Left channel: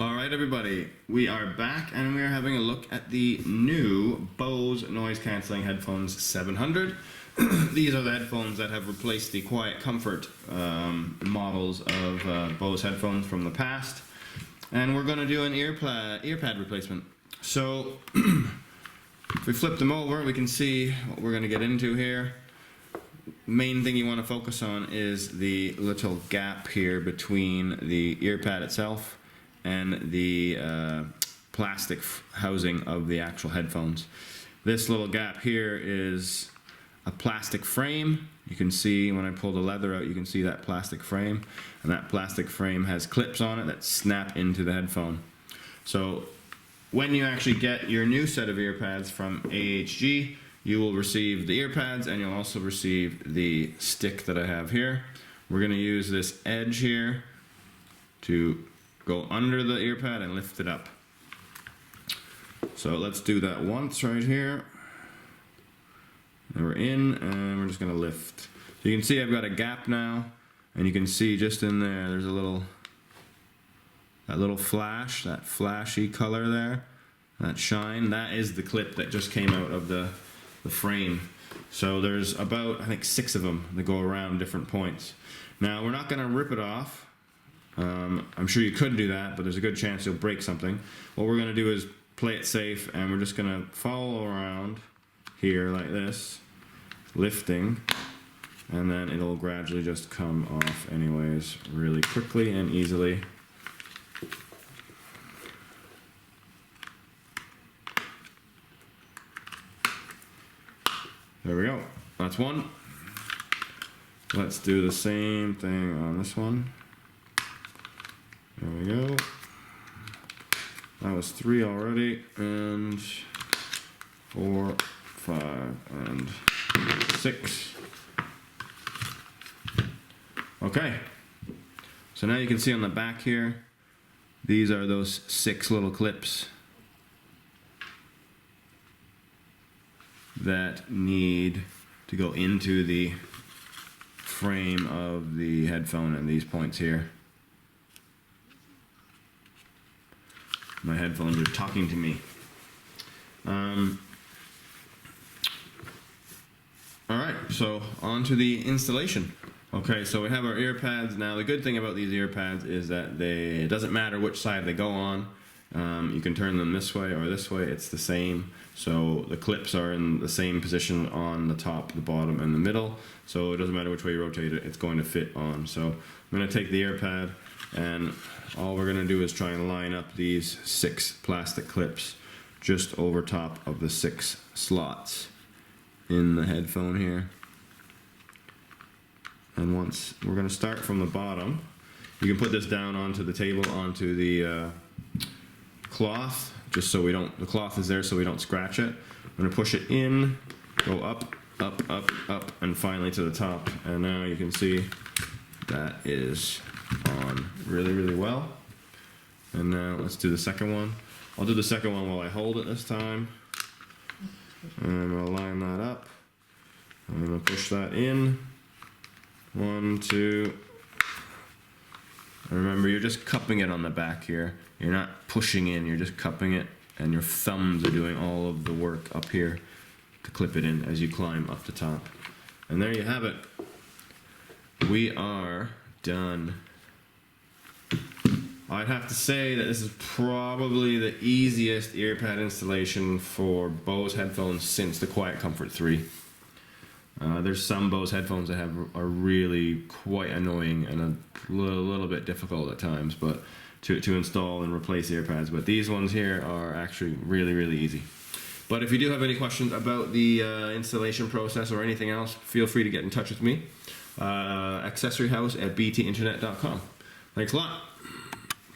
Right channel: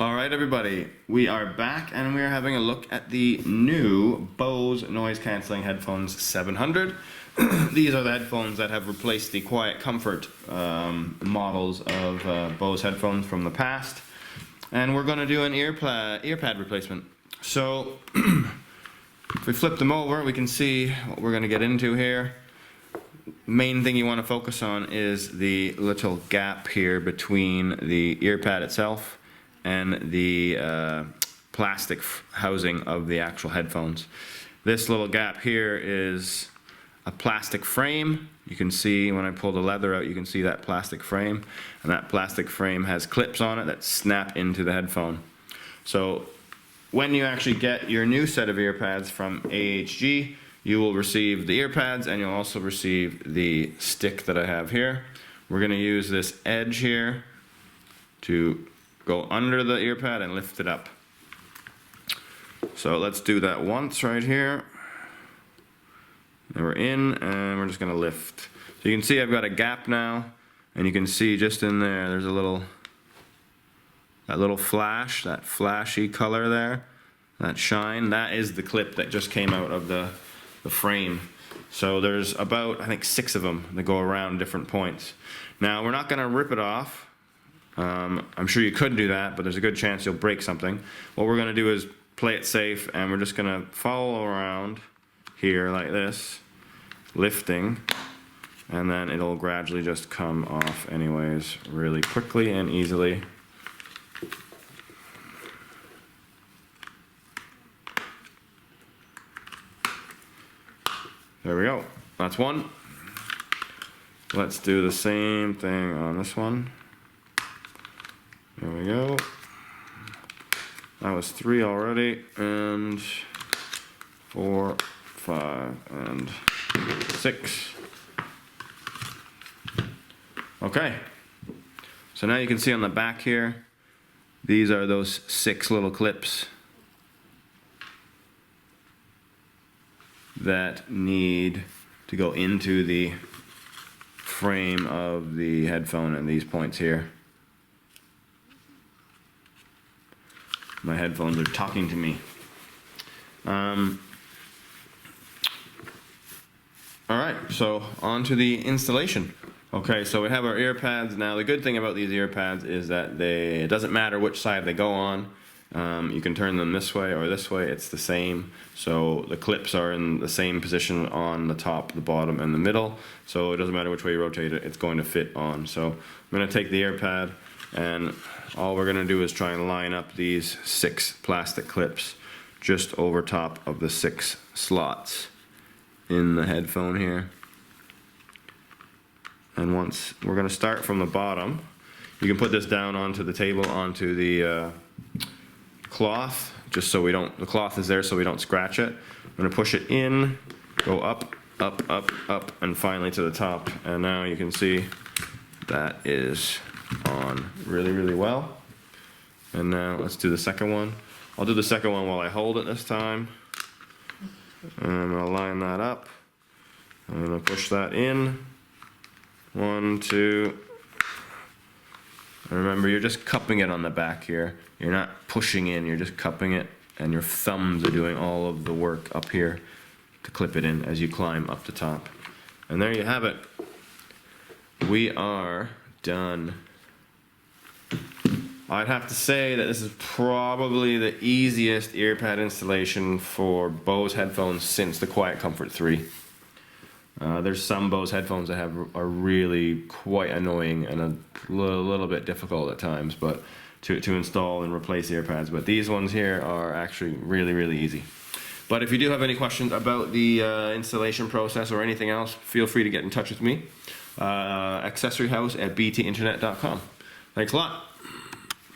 Alright everybody, we are back and we are having a look at the new Bose noise cancelling headphones 700. These are the headphones that have replaced the Quiet Comfort models of Bose headphones from the past. And we're going to do an earpad replacement. So if we flip them over, we can see what we're going to get into here. Main thing you want to focus on is the little gap here between the earpad itself and the plastic housing of the actual headphones. This little gap here is a plastic frame. You can see when I pull the leather out, you can see that plastic frame, and that plastic frame has clips on it that snap into the headphone. So when you actually get your new set of earpads from AHG, you will receive the earpads and you'll also receive the stick that I have here. We're going to use this edge here to go under the earpad and lift it up. So let's do that once right here. And we're in and we're just going to lift. So you can see I've got a gap now, and you can see just in there there's a little flash, that flashy color there, that shine. That is the clip that just came out of the frame. So there's about, I think, 6 of them that go around different points. Now we're not going to rip it off. I'm sure you could do that, but there's a good chance you'll break something. What we're going to do is play it safe, and we're just going to follow around here like this, lifting, and then it'll gradually just come off anyways, really quickly and easily. There we go. That's one. Let's do the same thing on this one. There we go. That was 3 already, and 4, 5, and 6. Okay. So now you can see on the back here, these are those 6 little clips that need to go into the frame of the headphone and these points here. My headphones are talking to me. Alright, so on to the installation. Okay, so we have our earpads. Now the good thing about these earpads is that it doesn't matter which side they go on. You can turn them this way or this way, it's the same. So the clips are in the same position on the top, the bottom, and the middle. So it doesn't matter which way you rotate it, it's going to fit on. So I'm going to take the earpad, and all we're going to do is try and line up these 6 plastic clips just over top of the 6 slots in the headphone here. And once we're going to start from the bottom, you can put this down onto the table, onto the cloth, just so we don't, the cloth is there so we don't scratch it. I'm going to push it in, go up, up, up, up, and finally to the top. And now you can see that is on really, really well. And now let's do the second one. I'll do the second one while I hold it this time. And I'm going to line that up. I'm going to push that in. 1, 2. And remember, you're just cupping it on the back here. You're not pushing in, you're just cupping it, and your thumbs are doing all of the work up here to clip it in as you climb up the top. And there you have it. We are done. I'd have to say that this is probably the easiest earpad installation for Bose headphones since the Quiet Comfort 3. There's some Bose headphones that are really quite annoying and a little bit difficult at times, but to install and replace earpads. But these ones here are actually really, really easy. But if you do have any questions about the installation process or anything else, feel free to get in touch with me. Accessoryhouse@btinternet.com. Thanks a lot.